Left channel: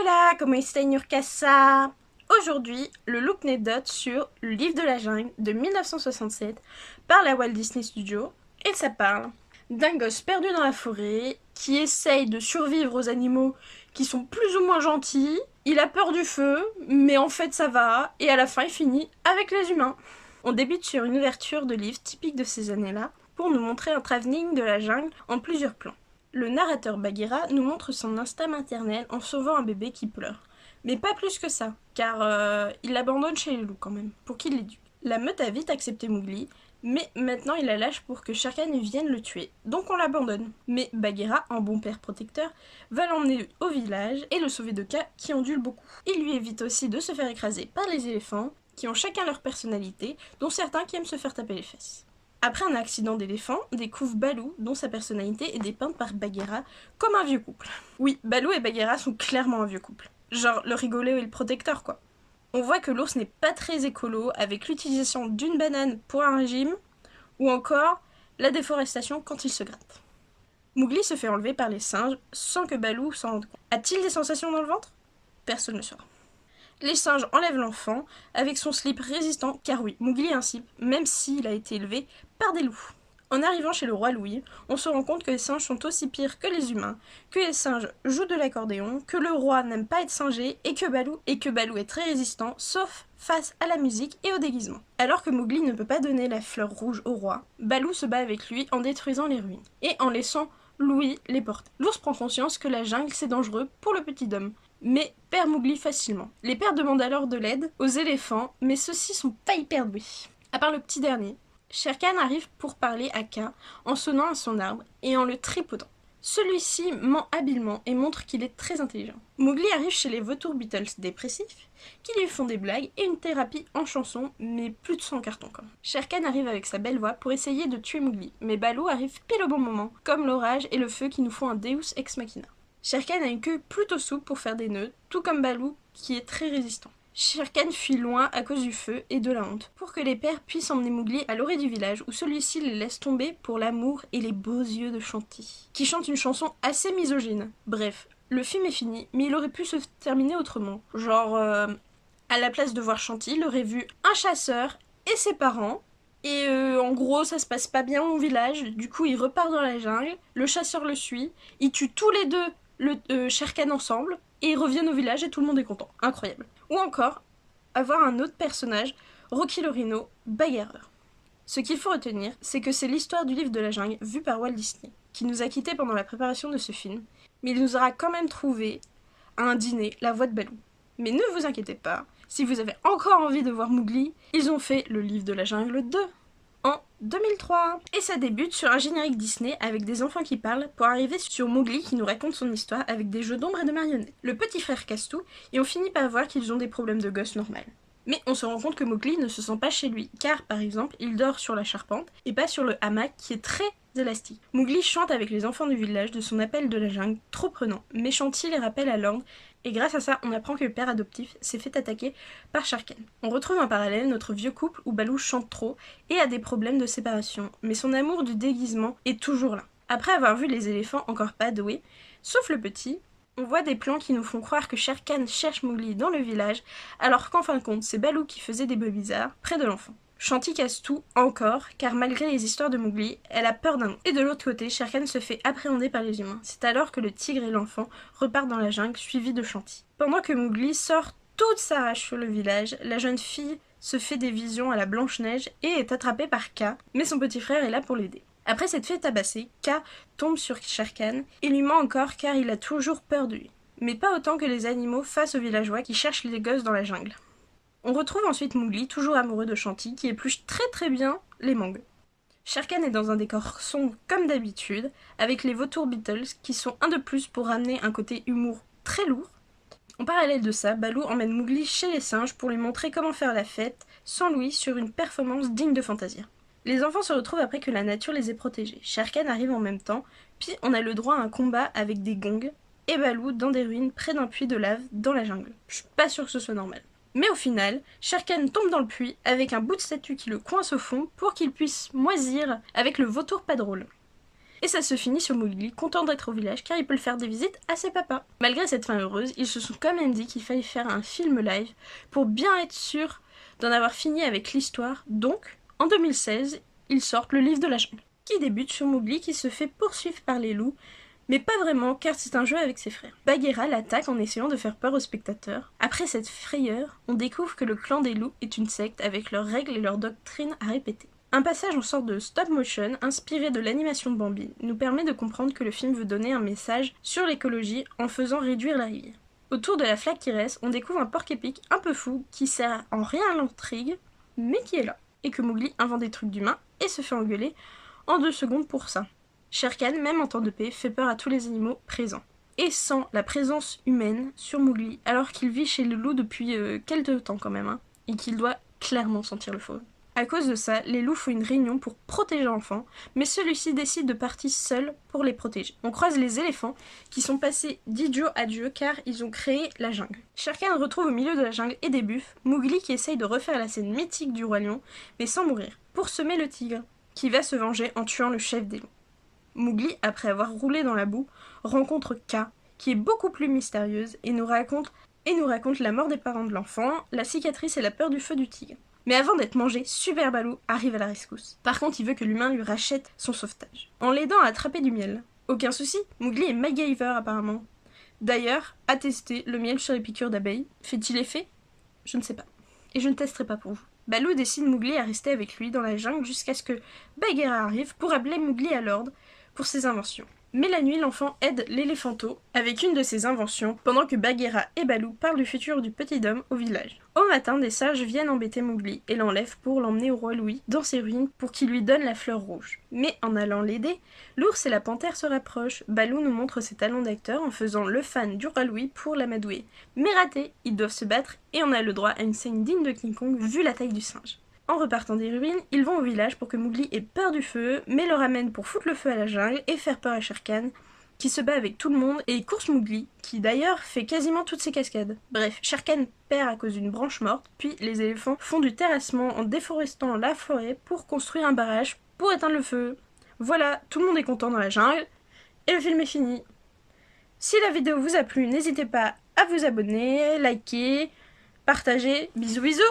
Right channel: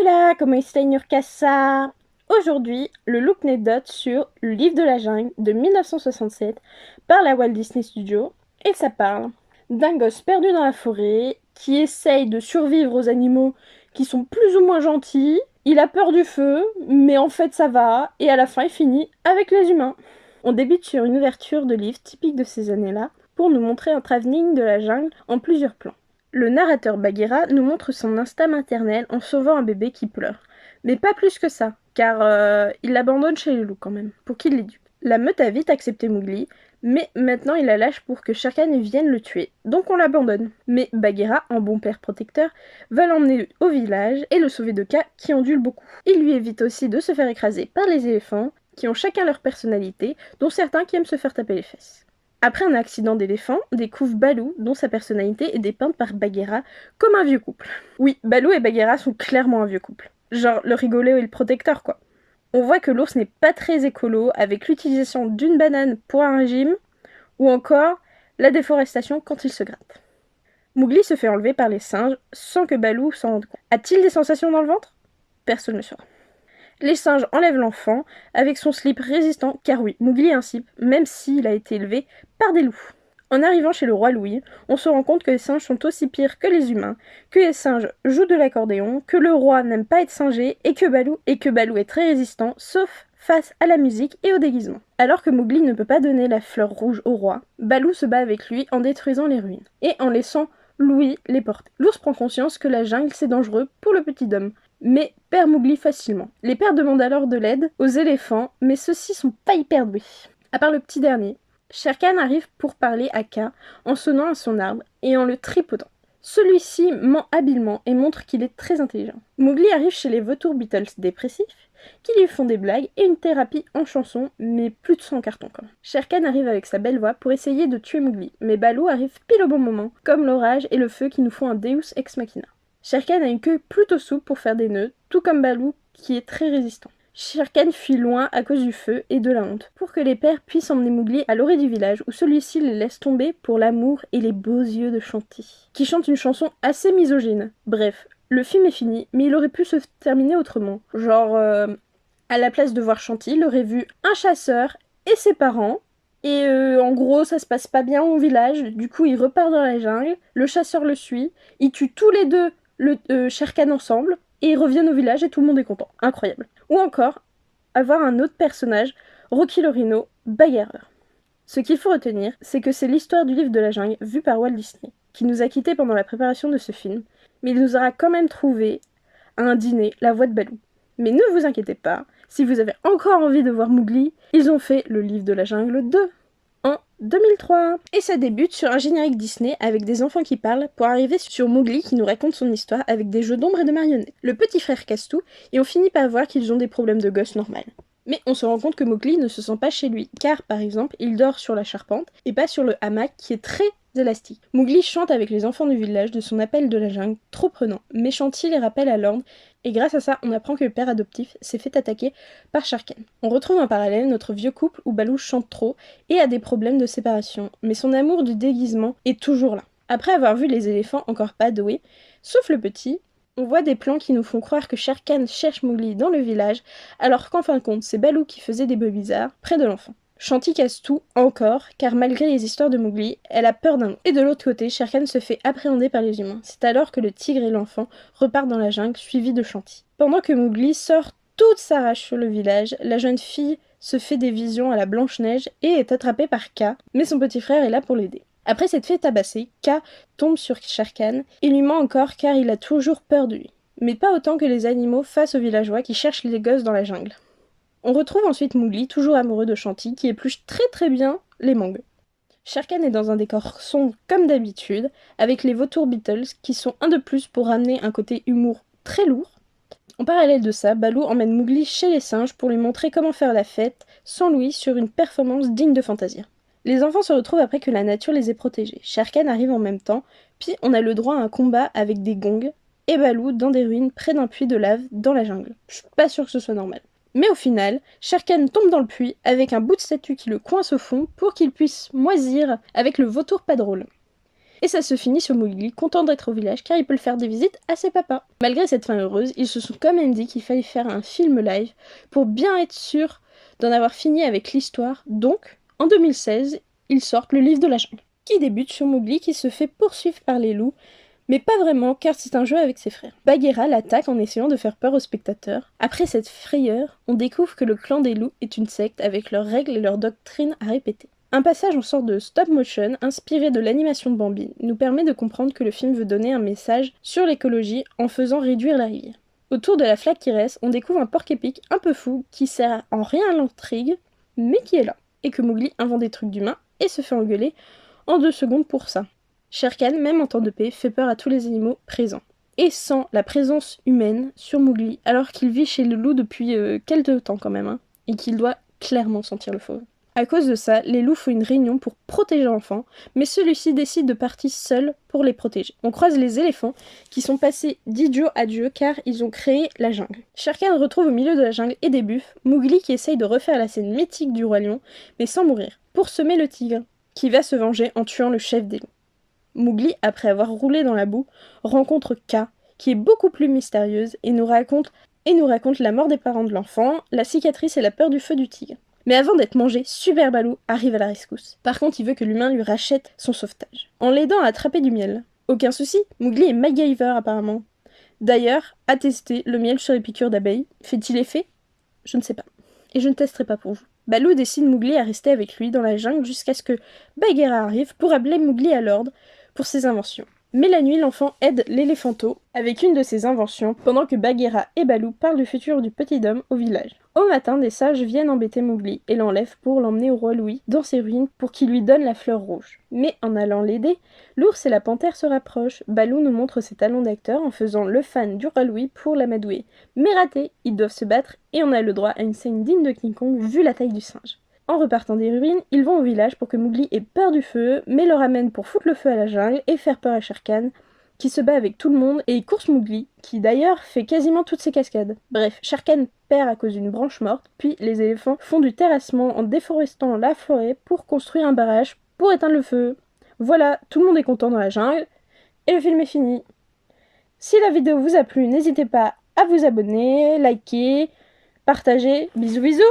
Hola, ¿cómo está Nurkasa? Aujourd'hui, le look anecdote sur Le Livre de la Jungle de 1967 par la Walt Disney Studios, et ça parle d'un gosse perdu dans la forêt qui essaye de survivre aux animaux qui sont plus ou moins gentils. Il a peur du feu, mais en fait ça va, et à la fin il finit avec les humains. On débute sur une ouverture de livre typique de ces années-là pour nous montrer un travelling de la jungle en plusieurs plans. Le narrateur Bagheera nous montre son instinct maternel en sauvant un bébé qui pleure. Mais pas plus que ça, car il l'abandonne chez les loups quand même, pour qu'il l'éduque. La meute a vite accepté Mowgli, mais maintenant il la lâche pour que Shere Khan vienne le tuer, donc on l'abandonne. Mais Bagheera, en bon père protecteur, va l'emmener au village et le sauver de Kaa qui ondule beaucoup. Il lui évite aussi de se faire écraser par les éléphants, qui ont chacun leur personnalité, dont certains qui aiment se faire taper les fesses. Après un accident d'éléphant, découvre Baloo, dont sa personnalité est dépeinte par Bagheera comme un vieux couple. Oui, Baloo et Bagheera sont clairement un vieux couple. Genre le rigolo et le protecteur, quoi. On voit que l'ours n'est pas très écolo, avec l'utilisation d'une banane pour un régime, ou encore la déforestation quand il se gratte. Mowgli se fait enlever par les singes sans que Baloo s'en rende compte. A-t-il des sensations dans le ventre? Personne ne saura. Les singes enlèvent l'enfant avec son slip résistant, car oui, Mowgli est un slip, même s'il a été élevé par des loups. En arrivant chez le roi Louis, on se rend compte que les singes sont aussi pires que les humains, que les singes jouent de l'accordéon, que le roi n'aime pas être singé et que Baloo est très résistant, sauf face à la musique et au déguisement. Alors que Mowgli ne peut pas donner la fleur rouge au roi, Baloo se bat avec lui en détruisant les ruines et en laissant Louis les porter. L'ours prend conscience que la jungle c'est dangereux pour le petit homme, mais perd Mowgli facilement. Les pères demandent alors de l'aide aux éléphants, mais ceux-ci sont pas hyper doués. À part le petit dernier, Shere Khan arrive pour parler à Kaa en sonnant à son arbre et en le tripotant. Celui-ci ment habilement et montre qu'il est très intelligent. Mowgli arrive chez les vautours Beatles dépressifs, qui lui font des blagues et une thérapie en chanson, mais plus de sang en carton quand même. Shere Khan arrive avec sa belle voix pour essayer de tuer Mowgli, mais Baloo arrive pile au bon moment, comme l'orage et le feu qui nous font un Deus ex machina. Shere Khan a une queue plutôt souple pour faire des nœuds, tout comme Baloo qui est très résistant. Shere Khan fuit loin à cause du feu et de la honte, pour que les pères puissent emmener Mowgli à l'orée du village où celui-ci les laisse tomber pour l'amour et les beaux yeux de Shanti, qui chante une chanson assez misogyne. Bref, le film est fini, mais il aurait pu se terminer autrement. Genre, à la place de voir Shanti, il aurait vu un chasseur et ses parents, et en gros, ça se passe pas bien au village, du coup il repart dans la jungle, le chasseur le suit, ils tuent tous les deux le Shere Khan ensemble, et ils reviennent au village et tout le monde est content. Incroyable. Ou encore, avoir un autre personnage, Rocky le Rhino, bagarreur. Ce qu'il faut retenir, c'est que c'est l'histoire du livre de la jungle vue par Walt Disney, qui nous a quittés pendant la préparation de ce film, mais il nous aura quand même trouvé à un dîner la voix de Baloo. Mais ne vous inquiétez pas, si vous avez encore envie de voir Mowgli, ils ont fait le livre de la jungle 2 en 2003. Et ça débute sur un générique Disney avec des enfants qui parlent pour arriver sur Mowgli qui nous raconte son histoire avec des jeux d'ombre et de marionnettes. Le petit frère casse tout et on finit par voir qu'ils ont des problèmes de gosse normal. Mais on se rend compte que Mowgli ne se sent pas chez lui, car par exemple, il dort sur la charpente et pas sur le hamac qui est très élastique. Mowgli chante avec les enfants du village de son appel de la jungle, trop prenant, mais Shanti les rappelle à l'ordre, et grâce à ça, on apprend que le père adoptif s'est fait attaquer par Shere Khan. On retrouve en parallèle notre vieux couple où Baloo chante trop et a des problèmes de séparation, mais son amour du déguisement est toujours là. Après avoir vu les éléphants encore pas doués, sauf le petit, on voit des plans qui nous font croire que Shere Khan cherche Mowgli dans le village, alors qu'en fin de compte, c'est Baloo qui faisait des bœufs bizarres près de l'enfant. Shanti casse tout, encore, car malgré les histoires de Mowgli, elle a peur d'un loup. Et de l'autre côté, Shere Khan se fait appréhender par les humains. C'est alors que le tigre et l'enfant repartent dans la jungle, suivis de Shanti. Pendant que Mowgli sort toute sa rage sur le village, la jeune fille se fait des visions à la Blanche-Neige et est attrapée par Kaa, mais son petit frère est là pour l'aider. Après s'être fait tabasser, Kaa tombe sur Shere Khan et lui ment encore car il a toujours peur de lui. Mais pas autant que les animaux face aux villageois qui cherchent les gosses dans la jungle. On retrouve ensuite Mowgli, toujours amoureux de Shanti, qui épluche très bien les mangues. Shere Khan est dans un décor sombre comme d'habitude, avec les vautours Beatles qui sont un de plus pour ramener un côté humour très lourd. En parallèle de ça, Baloo emmène Mowgli chez les singes pour lui montrer comment faire la fête sans lui sur une performance digne de Fantasia. Les enfants se retrouvent après que la nature les ait protégés. Shere Khan arrive en même temps, puis on a le droit à un combat avec des gongs et Baloo dans des ruines près d'un puits de lave dans la jungle. Je suis pas sûre que ce soit normal. Mais au final, Shere Khan tombe dans le puits avec un bout de statue qui le coince au fond pour qu'il puisse moisir avec le vautour pas drôle. Et ça se finit sur Mowgli, content d'être au village car il peut le faire des visites à ses papas. Malgré cette fin heureuse, ils se sont quand même dit qu'il fallait faire un film live pour bien être sûr d'en avoir fini avec l'histoire. Donc, en 2016, ils sortent le livre de la jungle, qui débute sur Mowgli qui se fait poursuivre par les loups, mais pas vraiment car c'est un jeu avec ses frères. Bagheera l'attaque en essayant de faire peur aux spectateurs. Après cette frayeur, on découvre que le clan des loups est une secte avec leurs règles et leurs doctrines à répéter. Un passage en sorte de stop motion, inspiré de l'animation de Bambi, nous permet de comprendre que le film veut donner un message sur l'écologie en faisant réduire la rivière. Autour de la flaque qui reste, on découvre un porc-épic un peu fou qui sert en rien à l'intrigue, mais qui est là. Et que Mowgli invente des trucs d'humains et se fait engueuler en 2 secondes pour ça. Shere Khan, même en temps de paix, fait peur à tous les animaux présents. Et sans la présence humaine sur Mowgli, alors qu'il vit chez le loup depuis quelques temps quand même, et qu'il doit clairement sentir le fauve. À cause de ça, les loups font une réunion pour protéger l'enfant, mais celui-ci décide de partir seul pour les protéger. On croise les éléphants, qui sont passés d'idiot à dieu car ils ont créé la jungle. Shere Khan retrouve au milieu de la jungle et des buffles Mowgli qui essaye de refaire la scène mythique du roi lion, mais sans mourir, pour semer le tigre, qui va se venger en tuant le chef des loups. Mowgli, après avoir roulé dans la boue, rencontre Kaa, qui est beaucoup plus mystérieuse et nous raconte la mort des parents de l'enfant, la cicatrice et la peur du feu du tigre. Mais avant d'être mangé, Super Baloo arrive à la rescousse. Par contre, il veut que l'humain lui rachète son sauvetage, en l'aidant à attraper du miel. Aucun souci, Mowgli est MacGyver apparemment. D'ailleurs, à tester, le miel sur les piqûres d'abeilles, fait-il effet? Je ne sais pas. Et je ne testerai pas pour vous. Baloo décide Mowgli à rester avec lui dans la jungle jusqu'à ce que Bagheera arrive pour appeler Mowgli à l'ordre pour ses inventions. Mais la nuit, l'enfant aide l'éléphanto avec une de ses inventions pendant que Bagheera et Baloo parlent du futur du petit homme au village. Au matin, des sages viennent embêter Mowgli et l'enlèvent pour l'emmener au roi Louis dans ses ruines pour qu'il lui donne la fleur rouge. Mais en allant l'aider, l'ours et la panthère se rapprochent. Baloo nous montre ses talents d'acteur en faisant le fan du roi Louis pour l'amadouer. Mais raté, ils doivent se battre et on a le droit à une scène digne de King Kong vu la taille du singe. En repartant des ruines, ils vont au village pour que Mowgli ait peur du feu, mais le ramène pour foutre le feu à la jungle et faire peur à Shere Khan, qui se bat avec tout le monde et course Mowgli, qui d'ailleurs fait quasiment toutes ses cascades. Bref, Shere Khan perd à cause d'une branche morte, puis les éléphants font du terrassement en déforestant la forêt pour construire un barrage pour éteindre le feu. Voilà, tout le monde est content dans la jungle, et le film est fini. Si la vidéo vous a plu, n'hésitez pas à vous abonner, liker, partager, bisous bisous.